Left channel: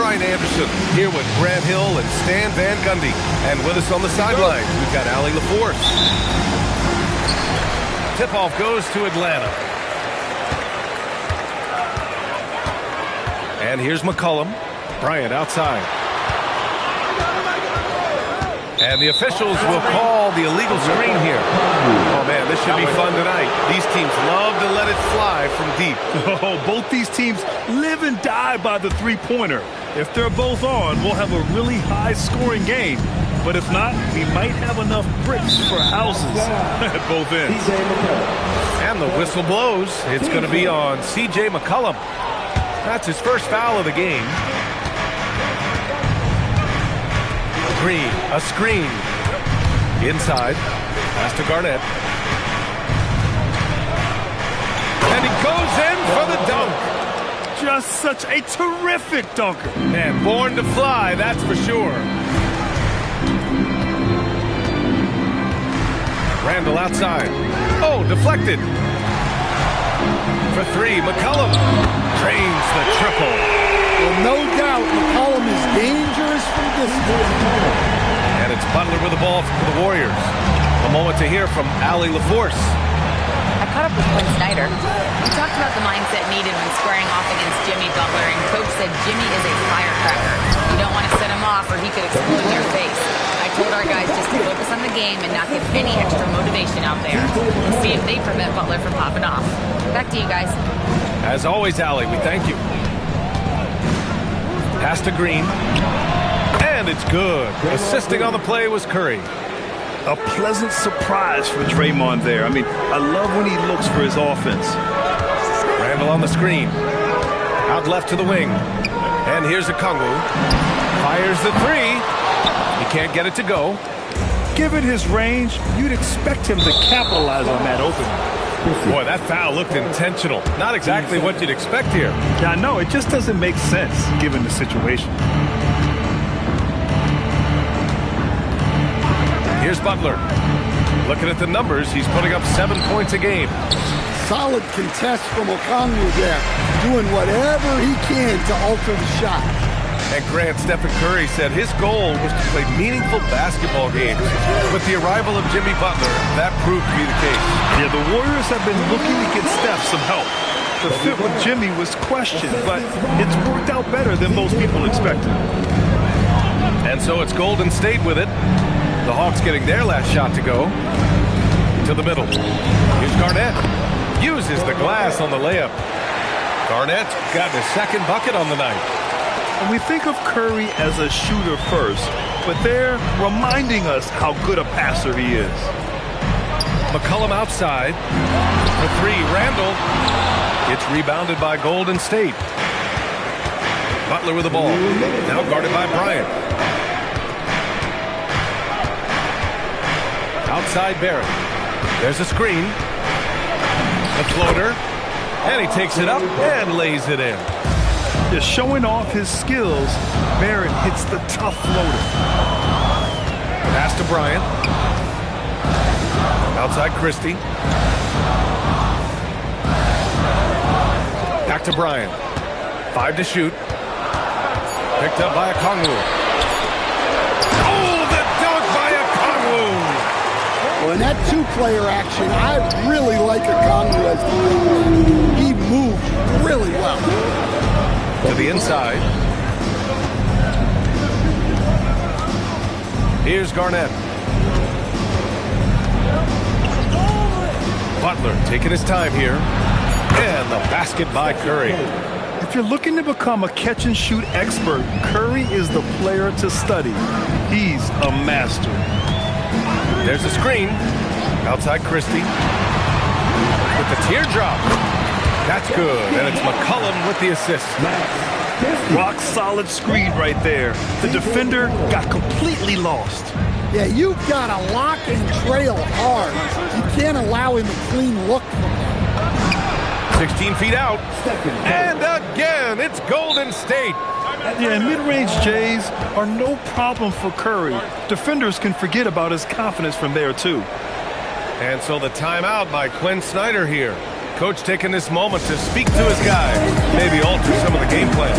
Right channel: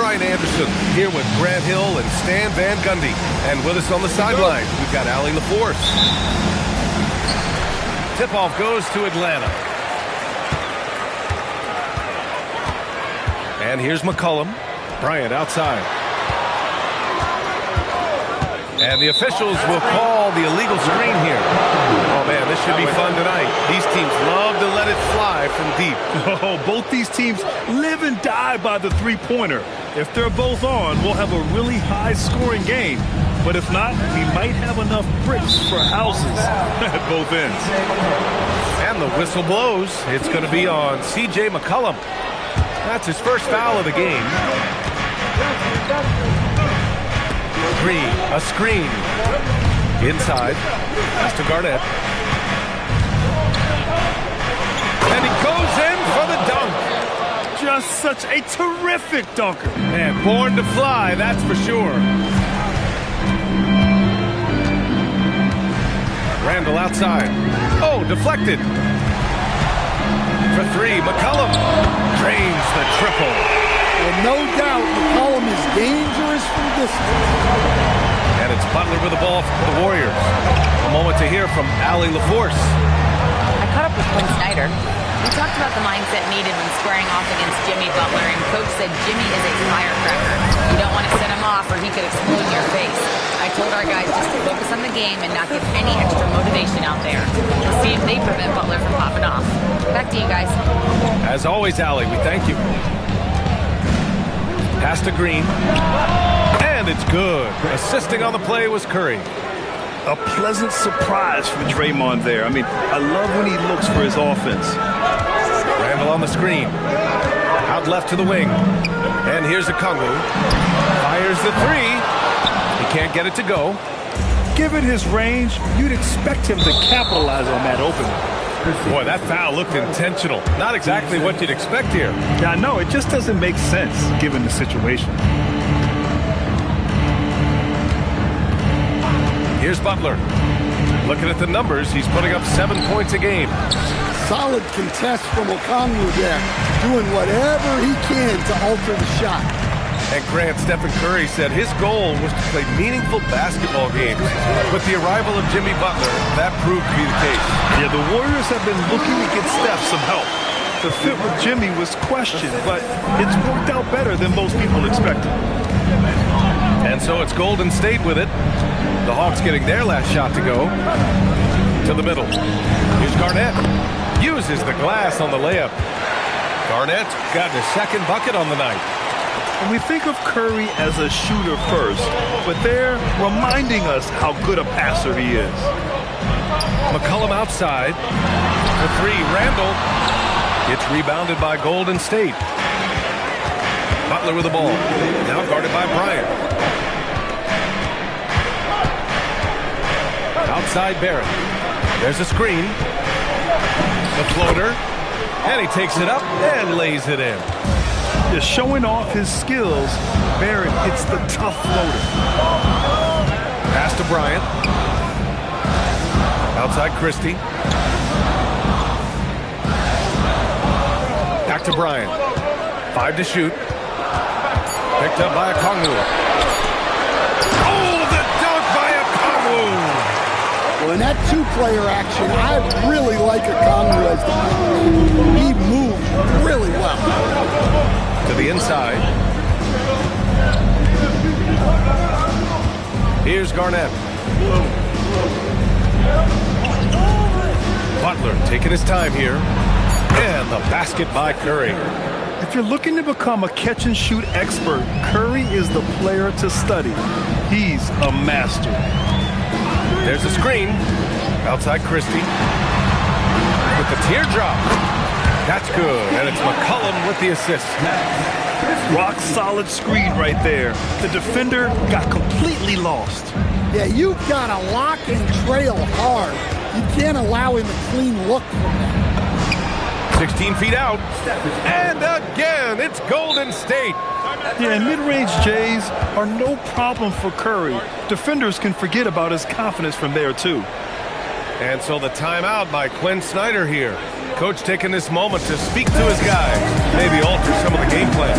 Brian Anderson here with Grant Hill and Stan Van Gundy. And with us on the sideline, we've got Allie LaForce. Tip-off goes to Atlanta. And here's McCollum. Bryant outside. And the officials will call the illegal screen here. Oh, man, this should be fun tonight. These teams love to let it fly from deep. Oh, both these teams live and die by the three-pointer. If they're both on, we'll have a really high-scoring game. But if not, we might have enough bricks for houses at both ends. And the whistle blows. It's going to be on C.J. McCollum. That's his first foul of the game. Green, a screen. Inside. Pass to Garnett. And he goes in for the dunk. Just such a terrific dunker. Man, born to fly, that's for sure. Randall outside. Oh, deflected. For three, McCollum drains the triple. Well, no doubt, McCollum is dangerous from distance. And it's Butler with the ball for the Warriors. A moment to hear from Allie LaForce. I caught up with Quinn Snyder. We talked about the mindset needed when squaring off against Jimmy Butler, and Coach said Jimmy is a firecracker. You don't want to set him off or he could explode in your face. I told our guys just to focus on the game and not give any extra motivation out there. We'll see if they prevent Butler from popping off. Back to you guys. As always, Allie, we thank you. Pass to Green. And it's good. Assisting on the play was Curry. A pleasant surprise for Draymond there. I mean, I love when he looks for his offense. Randall on the screen. Out left to the wing. And here's Okongwu. Fires the three. He can't get it to go. Given his range, you'd expect him to capitalize on that opening. Boy, that foul looked intentional. Not exactly what you'd expect here. Yeah, I know. It just doesn't make sense given the situation. Here's Butler. Looking at the numbers, he's putting up 7 points a game. Solid contest from Okongwu there, doing whatever he can to alter the shot. And Grant, Stephen Curry said his goal was to play meaningful basketball games. With the arrival of Jimmy Butler, that proved to be the case. Yeah, the Warriors have been looking to get Steph some help. The fit with Jimmy was questioned, but it's worked out better than most people expected. And so it's Golden State with it. The Hawks getting their last shot to go. To the middle. Here's Garnett. Uses the glass on the layup. Garnett's got his second bucket on the night. And we think of Curry as a shooter first, but they're reminding us how good a passer he is. McCollum outside. For three, Randall. It's rebounded by Golden State. Butler with the ball. Now guarded by Bryant. Outside Barrett. There's a screen. The floater. And he takes it up and lays it in. Just showing off his skills, Barrett hits the tough floater. Pass to Bryant. Outside Christie. Back to Bryant. 5 to shoot. Picked up by Okongwu. Oh, the dunk by Okongwu! Well, in that two-player action, I really like Okongwu as the player. He moved really well. To the inside. Here's Garnett. Butler taking his time here. And the basket by Curry. If you're looking to become a catch-and-shoot expert, Curry is the player to study. He's a master. There's a screen. Outside Christie. With the teardrop. That's good. And it's McCollum with the assist. Rock solid screen right there. The defender got completely lost. Yeah, you've got to lock and trail hard. You can't allow him a clean look from that. 16 feet out. And again, it's Golden State. Yeah, and mid-range Jays are no problem for Curry. Defenders can forget about his confidence from there, too. And so the timeout by Quinn Snyder here. Coach taking this moment to speak to his guys, maybe alter some of the game plan.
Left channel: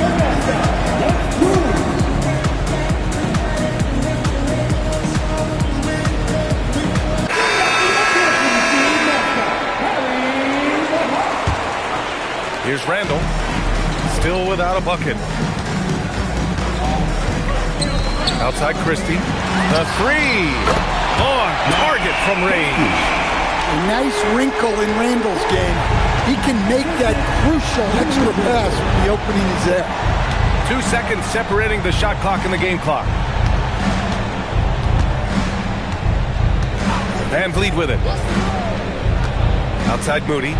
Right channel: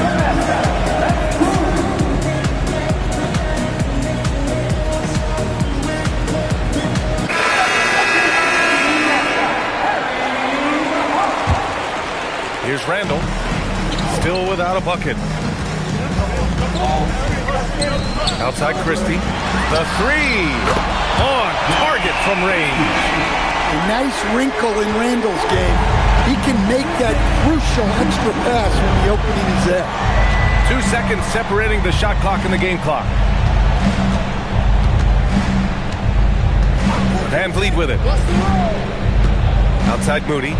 Here's Randall. Still without a bucket. Outside Christie. The three. On target from range. A nice wrinkle in Randall's game. He can make that crucial extra pass when the opening is there. 2 seconds separating the shot clock and the game clock. Van Vliet with it. Outside Moody.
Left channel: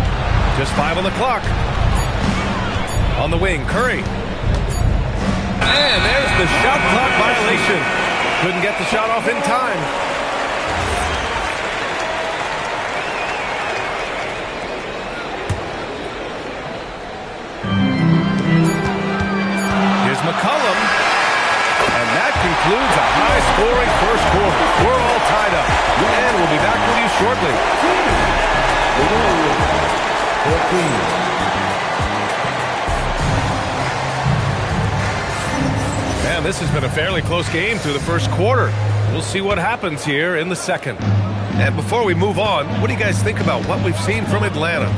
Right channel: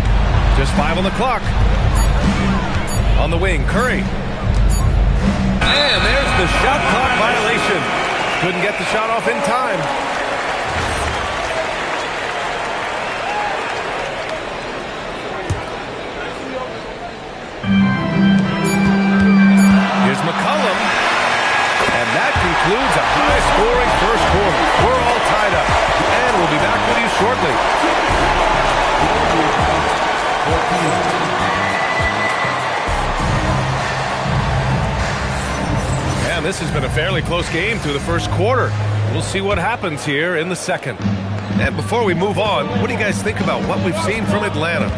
Just 5 on the clock. On the wing, Curry. And there's the shot clock violation. Couldn't get the shot off in time. Here's McCollum. And that concludes a high-scoring first quarter. We're all tied up. And we'll be back with you shortly. Man, this has been a fairly close game through the first quarter. We'll see what happens here in the second. And before we move on, what do you guys think about what we've seen from Atlanta?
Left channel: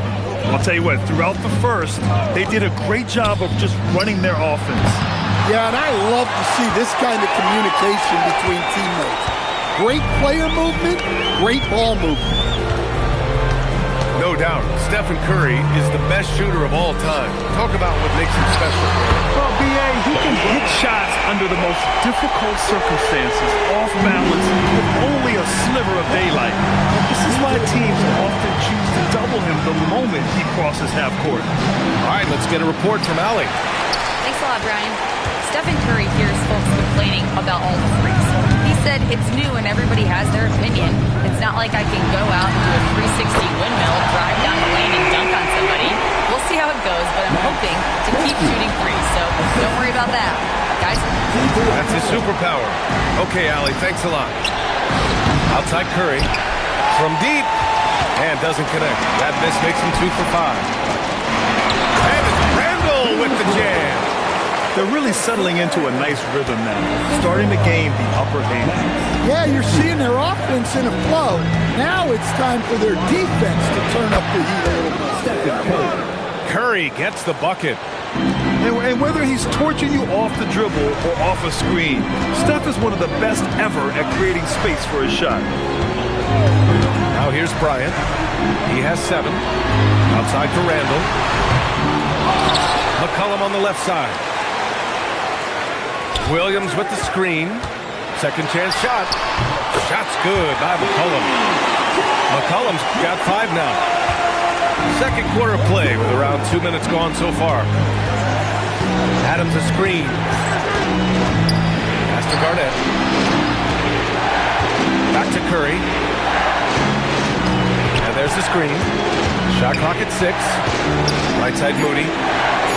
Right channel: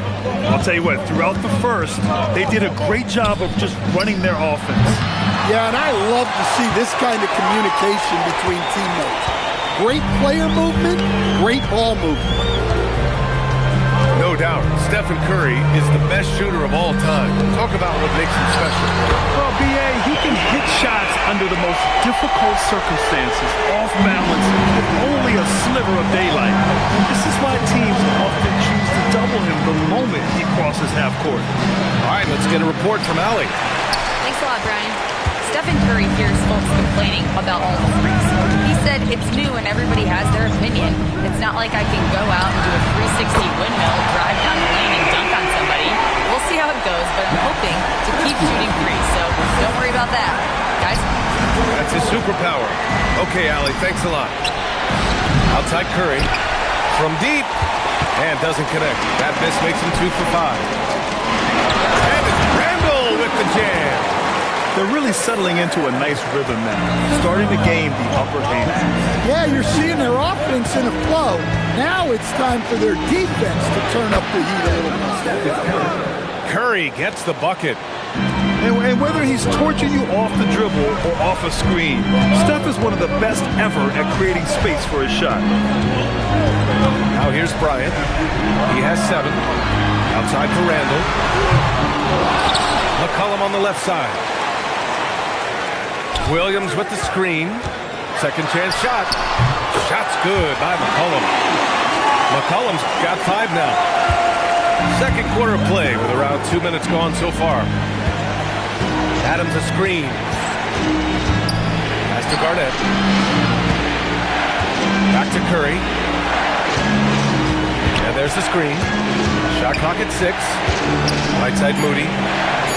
I'll tell you what, throughout the first, they did a great job of just running their offense. Yeah, and I love to see this kind of communication between teammates. Great player movement, great ball movement. No doubt, Stephen Curry is the best shooter of all time. Talk about what makes him special. Well, B.A., he can hit shots under the most difficult circumstances, off balance, with only a sliver of daylight. And this is why teams often choose to double him the moment he crosses half court. All right, let's get a report from Allie. Thanks a lot, Brian. Stephen Curry hears folks complaining about all the threes. He said it's new and everybody has their opinion. It's not like I can go out and do a 360 windmill, drive down the lane and dunk on somebody. We'll see how it goes, but I'm hoping to keep shooting threes, so don't worry about that. Guys? That's his superpower. Okay, Allie, thanks a lot. Outside Curry. From deep. And doesn't connect. That miss makes him 2 for 5. And it's Randall with the jam. They're really settling into a nice rhythm now, starting to gain the upper hand. Yeah, you're seeing their offense in a flow. Now it's time for their defense to turn up the heat a little more. Curry gets the bucket. And whether he's torching you off the dribble or off a screen, Steph is one of the best ever at creating space for his shot. Now here's Bryant. He has 7. Outside for Randall. McCollum on the left side. Williams with the screen. Second chance shot. Shot's good by McCollum. McCollum's got 5 now. Second quarter of play with around 2 minutes gone so far. Adams a screen. Pass to Garnett. Back to Curry. And there's the screen. Shot clock at 6. Right side Moody.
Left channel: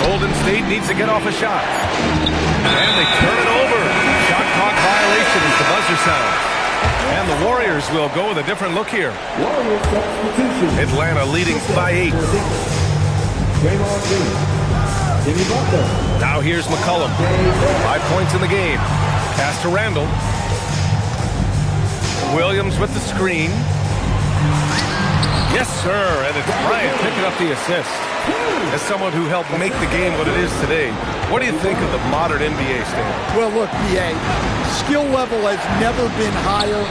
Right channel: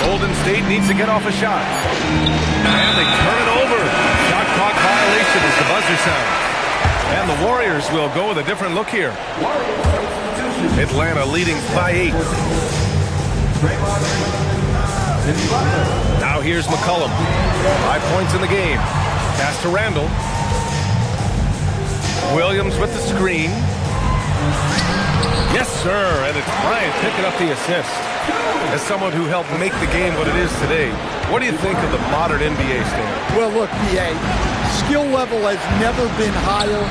Golden State needs to get off a shot. And they turn it over. Shot clock violation as the buzzer sounds. And the Warriors will go with a different look here. Atlanta leading by 8. Now here's McCollum. 5 points in the game. Pass to Randall. Williams with the screen. Yes, sir. And it's Bryant picking up the assist. As someone who helped make the game what it is today, what do you think of the modern NBA standard? Well, look, B.A., skill level has never been higher.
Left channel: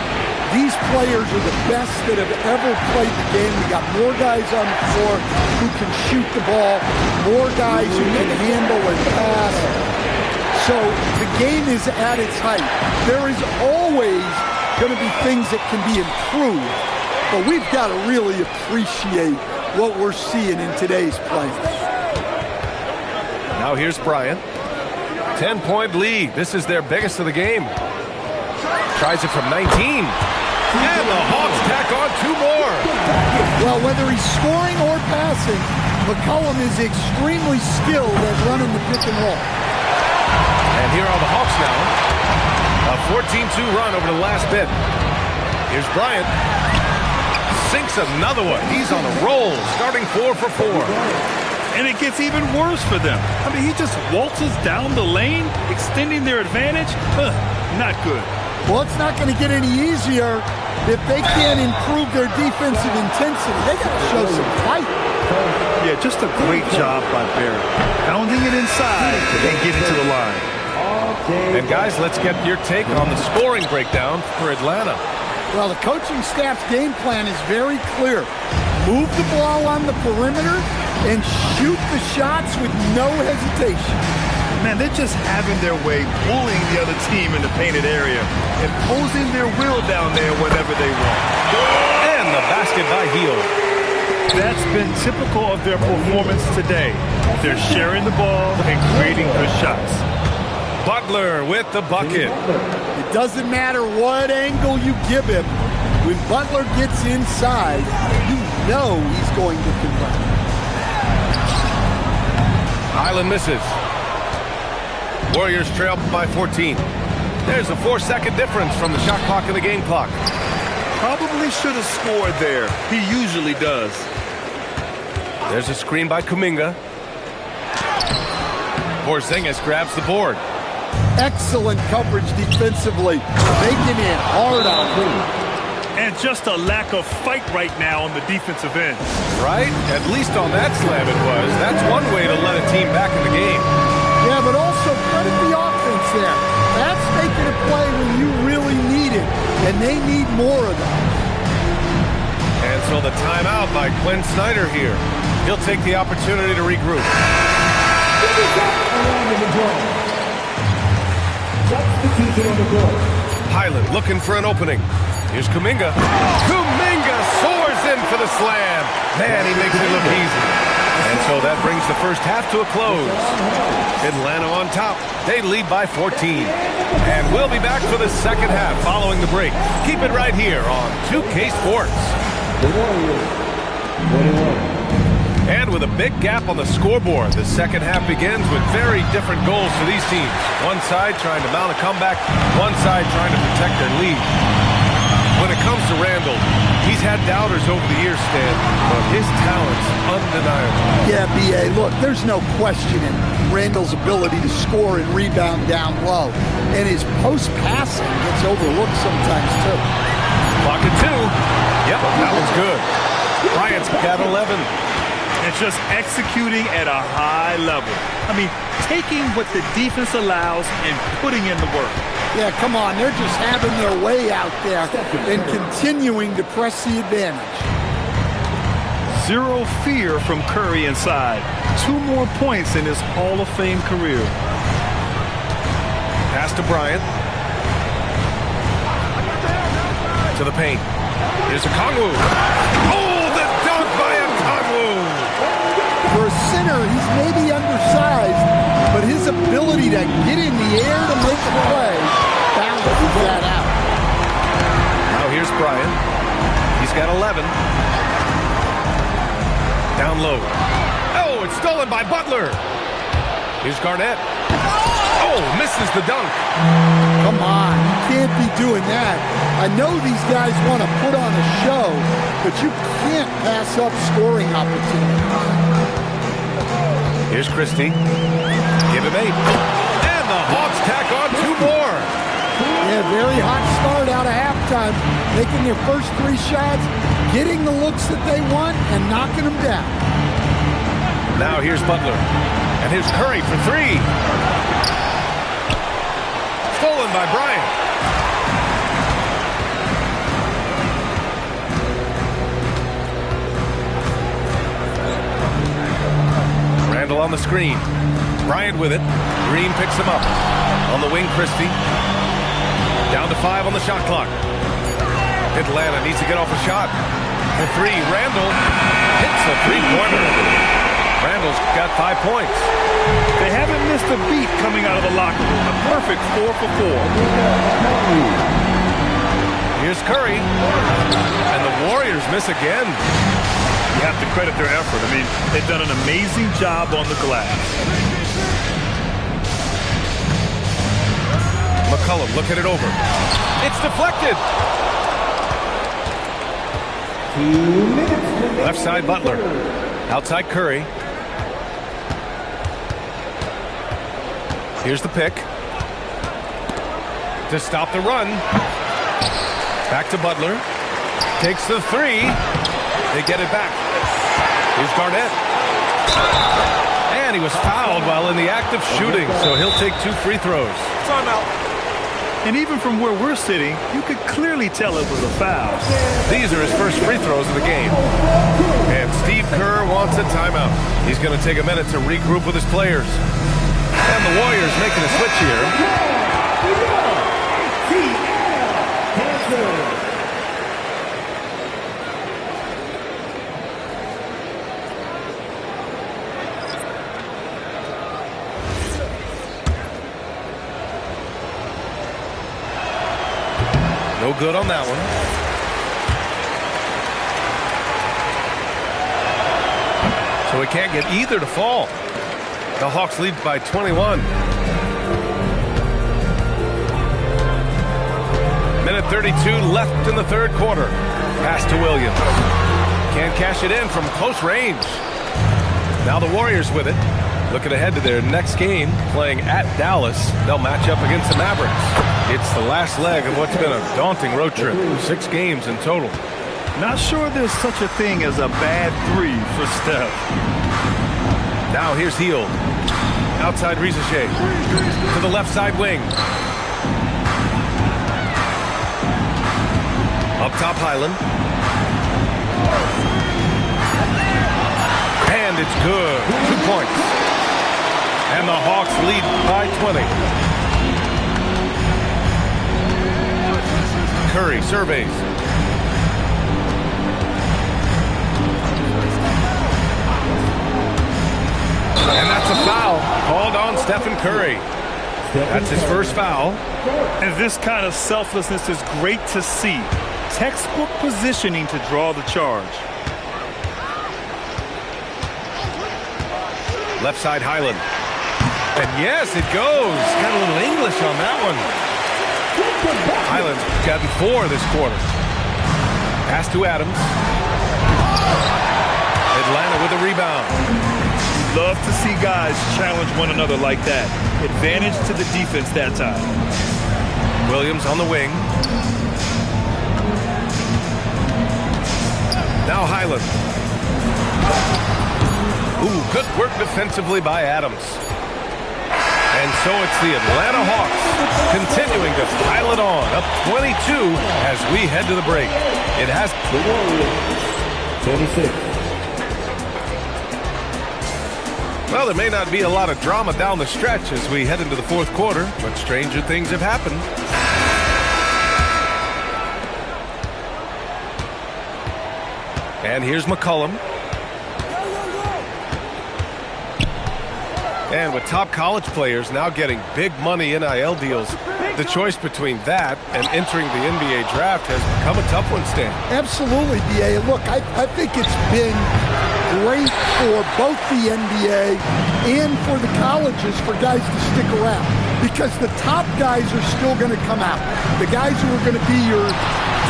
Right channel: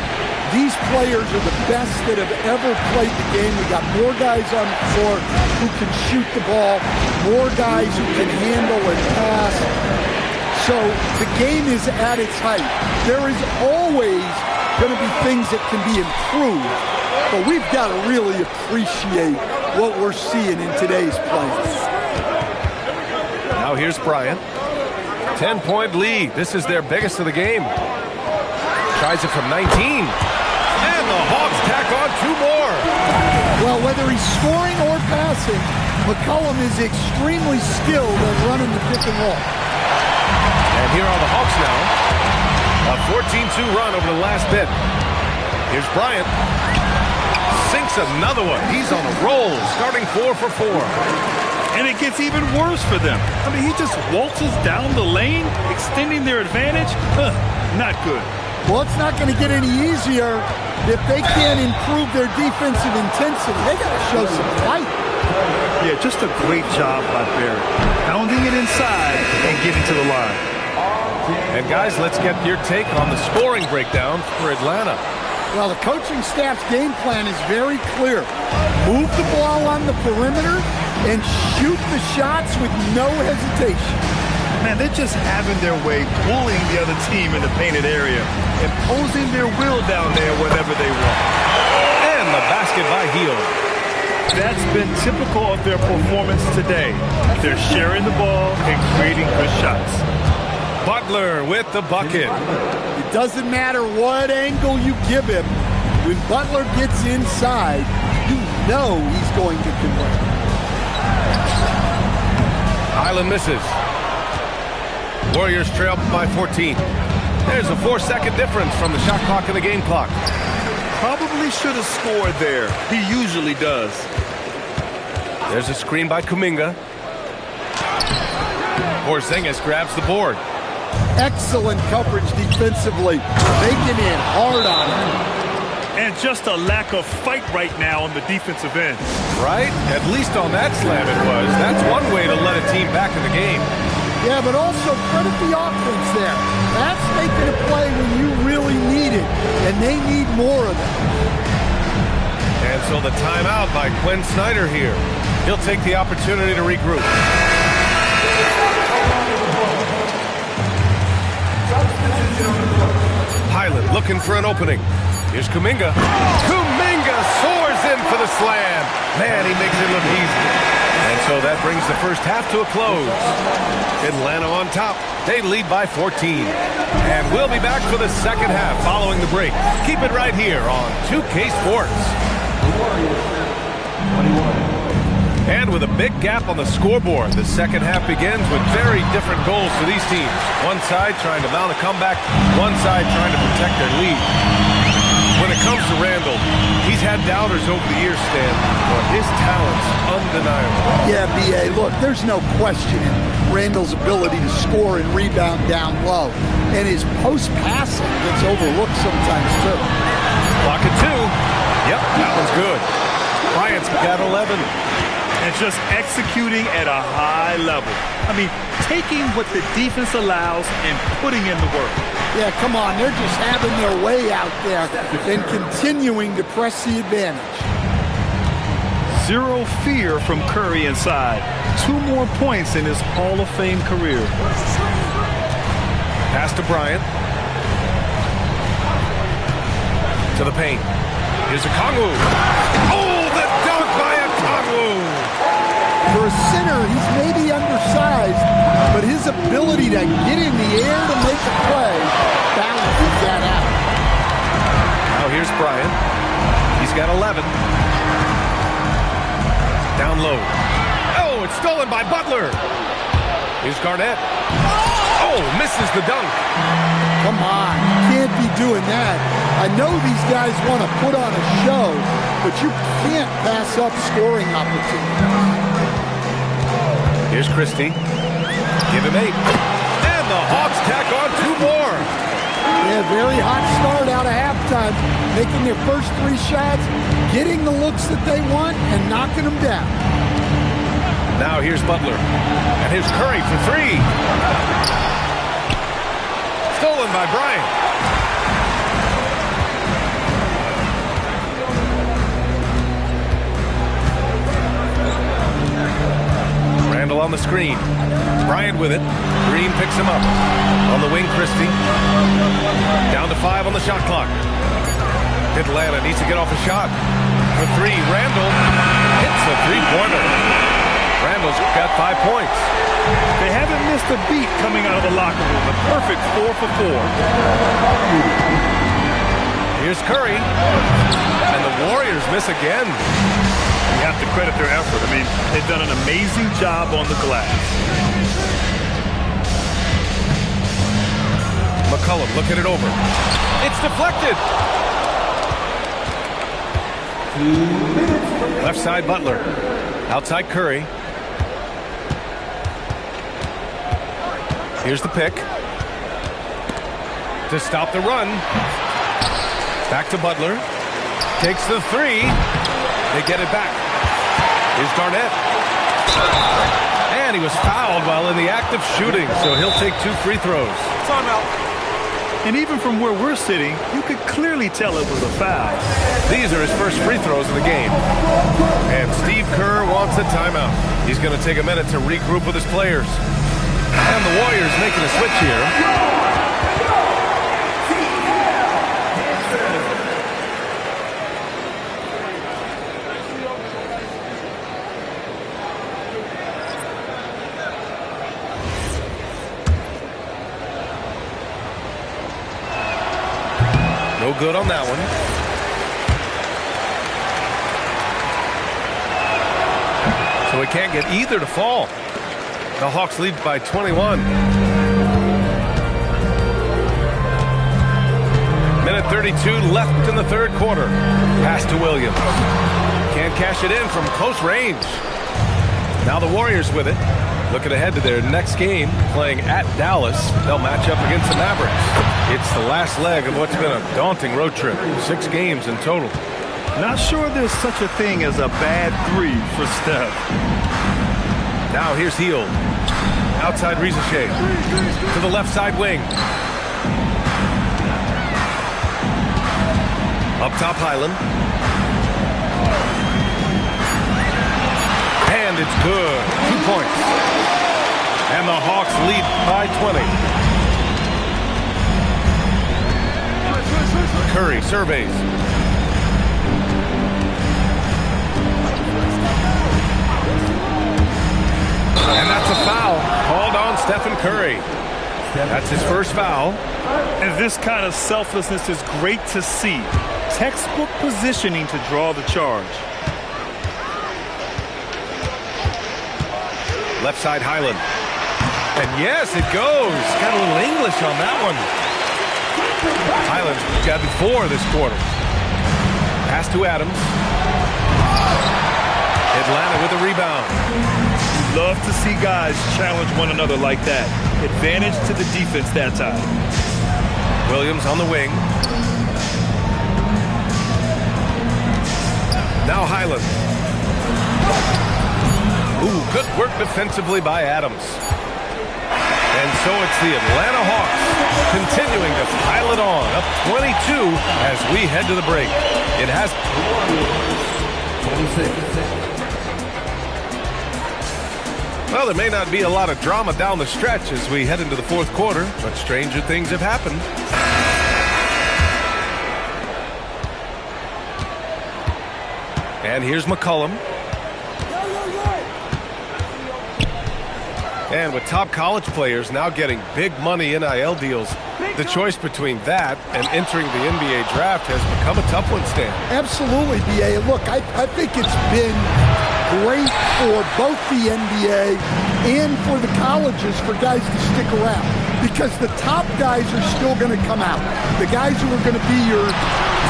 These players are the best that have ever played the game. We got more guys on the floor who can shoot the ball, more guys who can handle and pass. So the game is at its height. There is always going to be things that can be improved, but we've got to really appreciate what we're seeing in today's play. Now here's Bryant. 10-point lead. This is their biggest of the game. Tries it from 19. And the Hawks tack on 2 more. Well, whether he's scoring or passing, McCollum is extremely skilled at running the pick and roll. And here are the Hawks now. A 14-2 run over the last bit. Here's Bryant. Sinks another one. He's on a roll, starting 4 for 4. And it gets even worse for them. I mean, he just waltzes down the lane, extending their advantage. Not good. Well, it's not going to get any easier if they can't improve their defensive intensity. They got to show some fight. Yeah, just a great job by Barrett. Pounding it inside and getting to the line. And guys, let's get your take on the scoring breakdown for Atlanta. Well, the coaching staff's game plan is very clear. Move the ball on the perimeter and shoot the shots with no hesitation. Man, they're just having their way, bullying the other team in the painted area, imposing their will down there whenever they want. And the basket by Hield. That's been typical of their performance today. They're sharing the ball and creating good shots. Butler with the bucket. It doesn't matter what angle you give him. When Butler gets inside, you know he's going to convert. Highland misses. Warriors trail by 14. There's a 4-second difference from the shot clock and the game clock. Probably should have scored there. He usually does. There's a screen by Kuminga. Porzingis grabs the board. Excellent coverage defensively, making it hard on him. And just a lack of fight right now on the defensive end. Right? At least on that slam it was. That's one way to let a team back in the game. Yeah, but also credit the offense there. That's making a play when you really need it, and they need more of it. And so the timeout by Quinn Snyder here. He'll take the opportunity to regroup. Highland looking for an opening. Here's Kuminga. Kuminga soars in for the slam. Man, he makes it look easy. And so that brings the first half to a close. Atlanta on top. They lead by 14. And we'll be back for the second half following the break. Keep it right here on 2K Sports. And with a big gap on the scoreboard, the second half begins with very different goals for these teams. One side trying to mount a comeback, one side trying to protect their lead. When it comes to Randall, he's had doubters over the years, Stan, but his talent's undeniable. Yeah, B.A., look, there's no questioning Randall's ability to score and rebound down low. And his post-passing gets overlooked sometimes, too. Clock at 2. Yep, that one's good. Bryant's got 11. And just executing at a high level. I mean, taking what the defense allows and putting in the work. Yeah, come on. They're just having their way out there and continuing to press the advantage. Zero fear from Curry inside. 2 more points in his Hall of Fame career. Pass to Bryant. To the paint. Here's a Okongwu. Oh, the dunk by a Okongwu. For a center, he's maybe undersized, but his ability to get in the air to make a play balances that out. Now here's Bryant. He's got 11. Down low. Oh, it's stolen by Butler. Here's Garnett. Oh, misses the dunk. Come on, you can't be doing that. I know these guys want to put on a show, but you can't pass up scoring opportunities. Here's Christie. Give him 8. And the Hawks tack on 2 more. Yeah, very hot start out of halftime, making their first 3 shots, getting the looks that they want, and knocking them down. Now here's Butler. And here's Curry for 3. Stolen by Bryant. Randall on the screen. Bryant with it. Green picks him up. On the wing, Christie. Down to 5 on the shot clock. Atlanta needs to get off a shot. For 3, Randall hits a 3-pointer. Randall's got 5 points. They haven't missed a beat coming out of the locker room. A perfect 4 for 4. Here's Curry. And the Warriors miss again. You have to credit their effort. I mean, they've done an amazing job on the glass. McCollum looking it over. It's deflected. Left side Butler. Outside Curry. Here's the pick. To stop the run. Back to Butler. Takes the 3. They get it back. Here's Garnett. And he was fouled while in the act of shooting, so he'll take 2 free throws. Timeout. And even from where we're sitting, you could clearly tell it was a foul. These are his first free throws of the game. And Steve Kerr wants a timeout. He's going to take a minute to regroup with his players. And the Warriors making a switch here. No good on that one. So he can't get either to fall. The Hawks lead by 21. Minute 32 left in the third quarter. Pass to Williams. Can't cash it in from close range. Now the Warriors with it. Looking ahead to their next game, playing at Dallas. They'll match up against the Mavericks. It's the last leg of what's been a daunting road trip. 6 games in total. Not sure there's such a thing as a bad 3 for Steph. Now here's Hield. Outside Rizachet. To the left side wing. Up top Highland. And it's good. 2 points. And the Hawks lead by 20. Curry surveys. And that's a foul called on Stephen Curry. That's his first foul. And this kind of selflessness is great to see. Textbook positioning to draw the charge. Left side Highland. And yes, it goes. Got a little English on that one. Highland's gotten 4 this quarter. Pass to Adams. Atlanta with a rebound. Love to see guys challenge one another like that. Advantage to the defense that time. Williams on the wing. Now Highland. Ooh, good work defensively by Adams. And so it's the Atlanta Hawks continuing to pile it on, up 22 as we head to the break. It has 26. Well, there may not be a lot of drama down the stretch as we head into the fourth quarter, but stranger things have happened. And here's McCollum. And with top college players now getting big money NIL deals, the choice between that and entering the NBA draft has become a tough one, Stan. Absolutely, B.A. Look, I think it's been great for both the NBA and for the colleges for guys to stick around because the top guys are still going to come out. The guys who are going to be your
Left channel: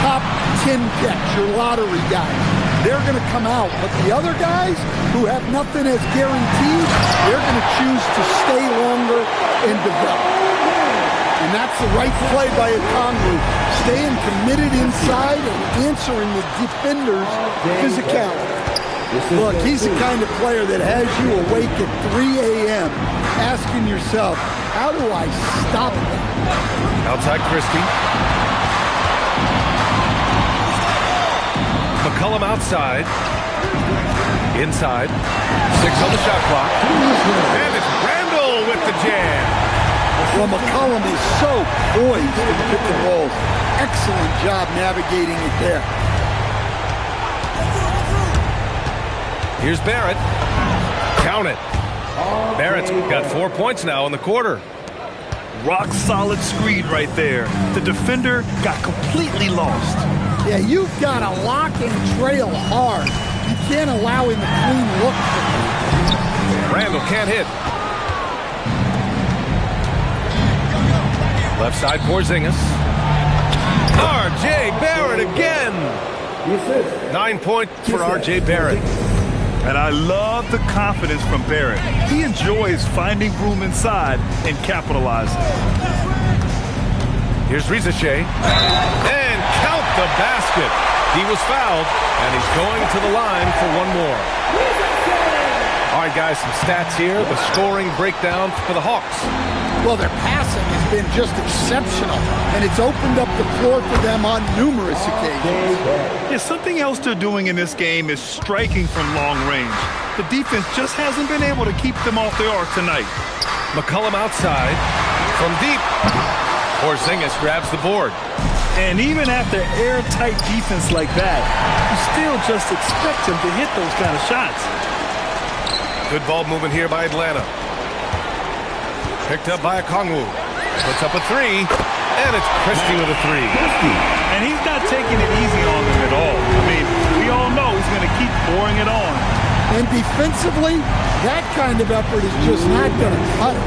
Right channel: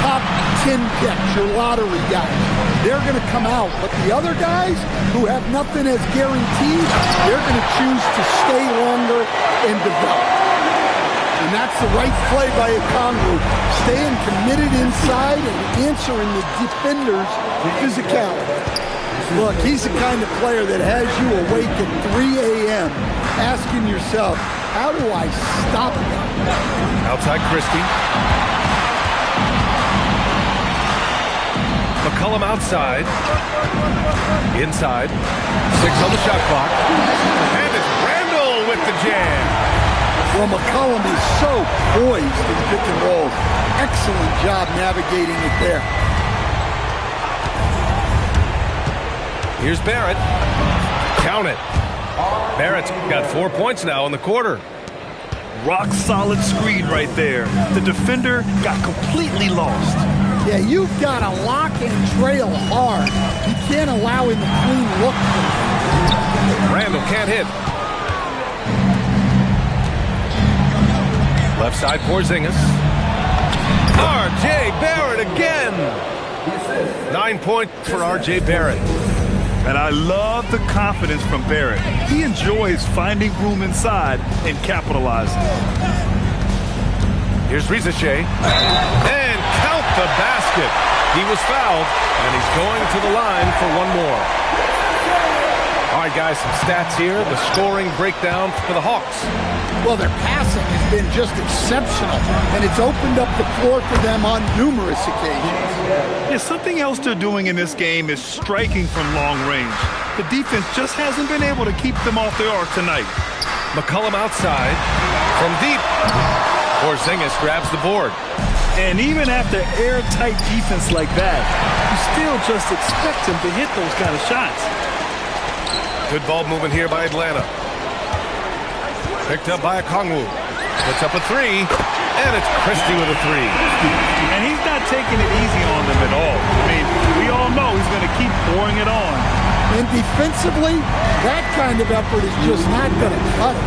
top 10 picks, your lottery guys, they're going to come out. But the other guys who have nothing as guaranteed, they're going to choose to stay longer and develop. And that's the right play by Okongwu, staying committed inside and answering the defender's physicality. Look, he's the kind of player that has you awake at 3 a.m. asking yourself, how do I stop that? Outside Christie. McCollum outside. Inside. 6 on the shot clock. And it's Randall with the jam. Well, McCollum is so poised in pick and rolls. Excellent job navigating it there. Here's Barrett. Count it. Barrett's got 4 points now in the quarter. Rock solid screen right there. The defender got completely lost. Yeah, you've got to lock and trail hard. You can't allow him a clean look. Randall can't hit. Left side Porzingis. R.J. Barrett again. 9 points for R.J. Barrett. And I love the confidence from Barrett. He enjoys finding room inside and capitalizing. Here's Rizachet. And count the basket. He was fouled, and he's going to the line for one more. All right, guys, some stats here. The scoring breakdown for the Hawks. Well, their passing has been just exceptional, and it's opened up the floor for them on numerous occasions. Yeah, something else they're doing in this game is striking from long range. The defense just hasn't been able to keep them off their arc tonight. McCollum outside from deep. Porzingis grabs the board. And even after airtight defense like that, you still just expect him to hit those kind of shots. Good ball movement here by Atlanta. Picked up by Okongwu. Puts up a three, and it's Christie with a three. And he's not taking it easy on them at all. I mean, we all know he's going to keep pouring it on. And defensively, that kind of effort is just not going to cut it.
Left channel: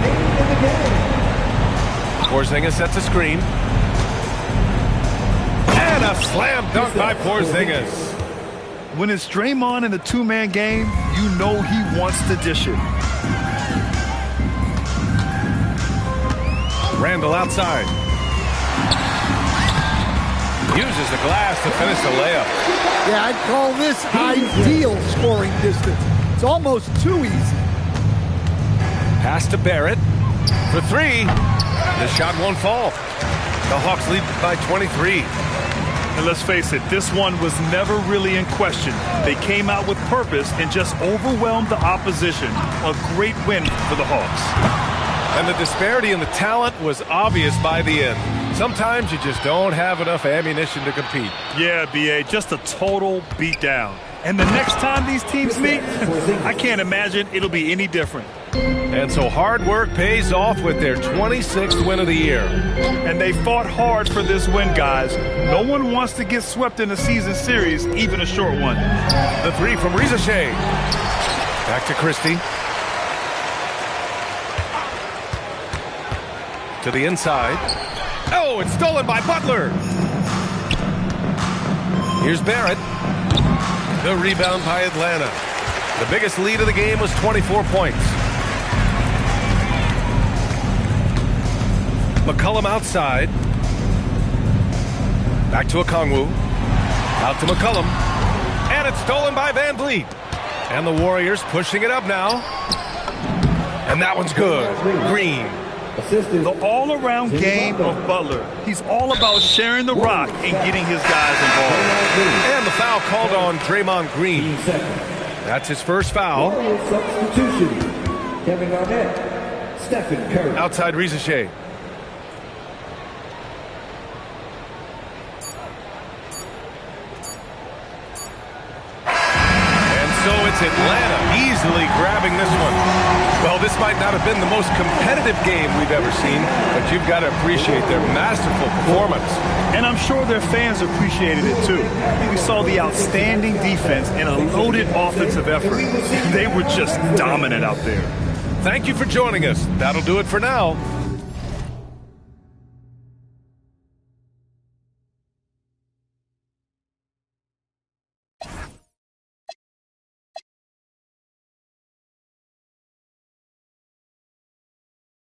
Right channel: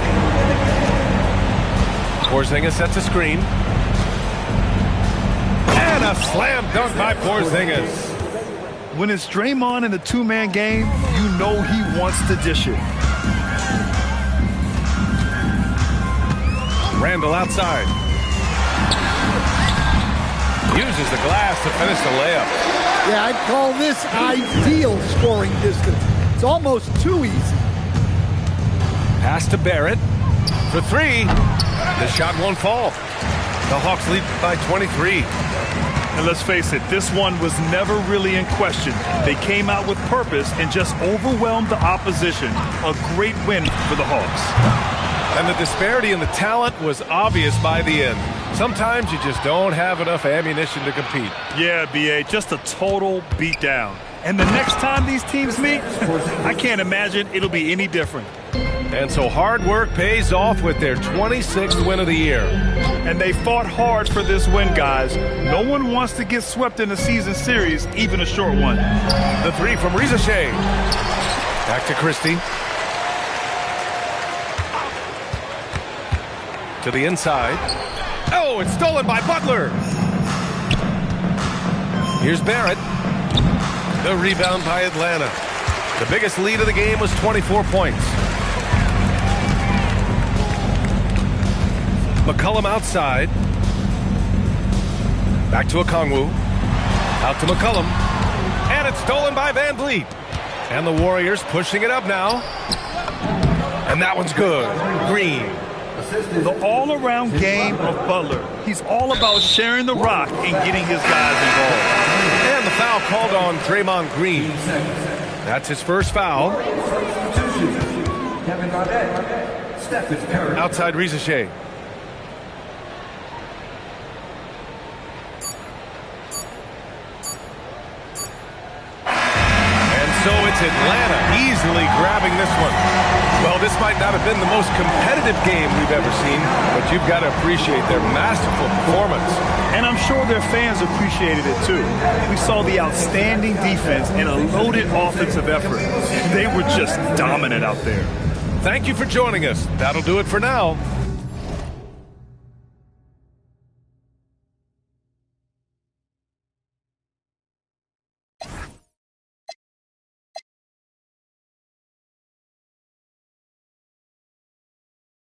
Porzingis sets a screen. And a slam dunk by Porzingis. When it's Draymond in the two-man game, you know he wants to dish it. Randall outside. Uses the glass to finish the layup. Yeah, I'd call this ideal scoring distance. It's almost too easy. Pass to Barrett for three. The shot won't fall. The Hawks lead by 23. And let's face it, this one was never really in question. They came out with purpose and just overwhelmed the opposition. A great win for the Hawks. And the disparity in the talent was obvious by the end. Sometimes you just don't have enough ammunition to compete. Yeah, B.A., just a total beatdown. And the next time these teams meet, I can't imagine it'll be any different. And so hard work pays off with their 26th win of the year. And they fought hard for this win, guys. No one wants to get swept in a season series, even a short one. The three from Rizachet. Back to Christie. To the inside. Oh, it's stolen by Butler. Here's Barrett. The rebound by Atlanta. The biggest lead of the game was 24 points. McCollum outside. Back to Okongwu. Out to McCollum. And it's stolen by Van Vliet. And the Warriors pushing it up now. And that one's good. Green. The all-around game of Butler. He's all about sharing the rock and getting his guys involved. And the foul called on Draymond Green. That's his first foul. Outside Rizachet. So it's Atlanta easily grabbing this one. Well, this might not have been the most competitive game we've ever seen, but you've got to appreciate their masterful performance. And I'm sure their fans appreciated it too. We saw the outstanding defense and a loaded offensive effort. They were just dominant out there. Thank you for joining us. That'll do it for now.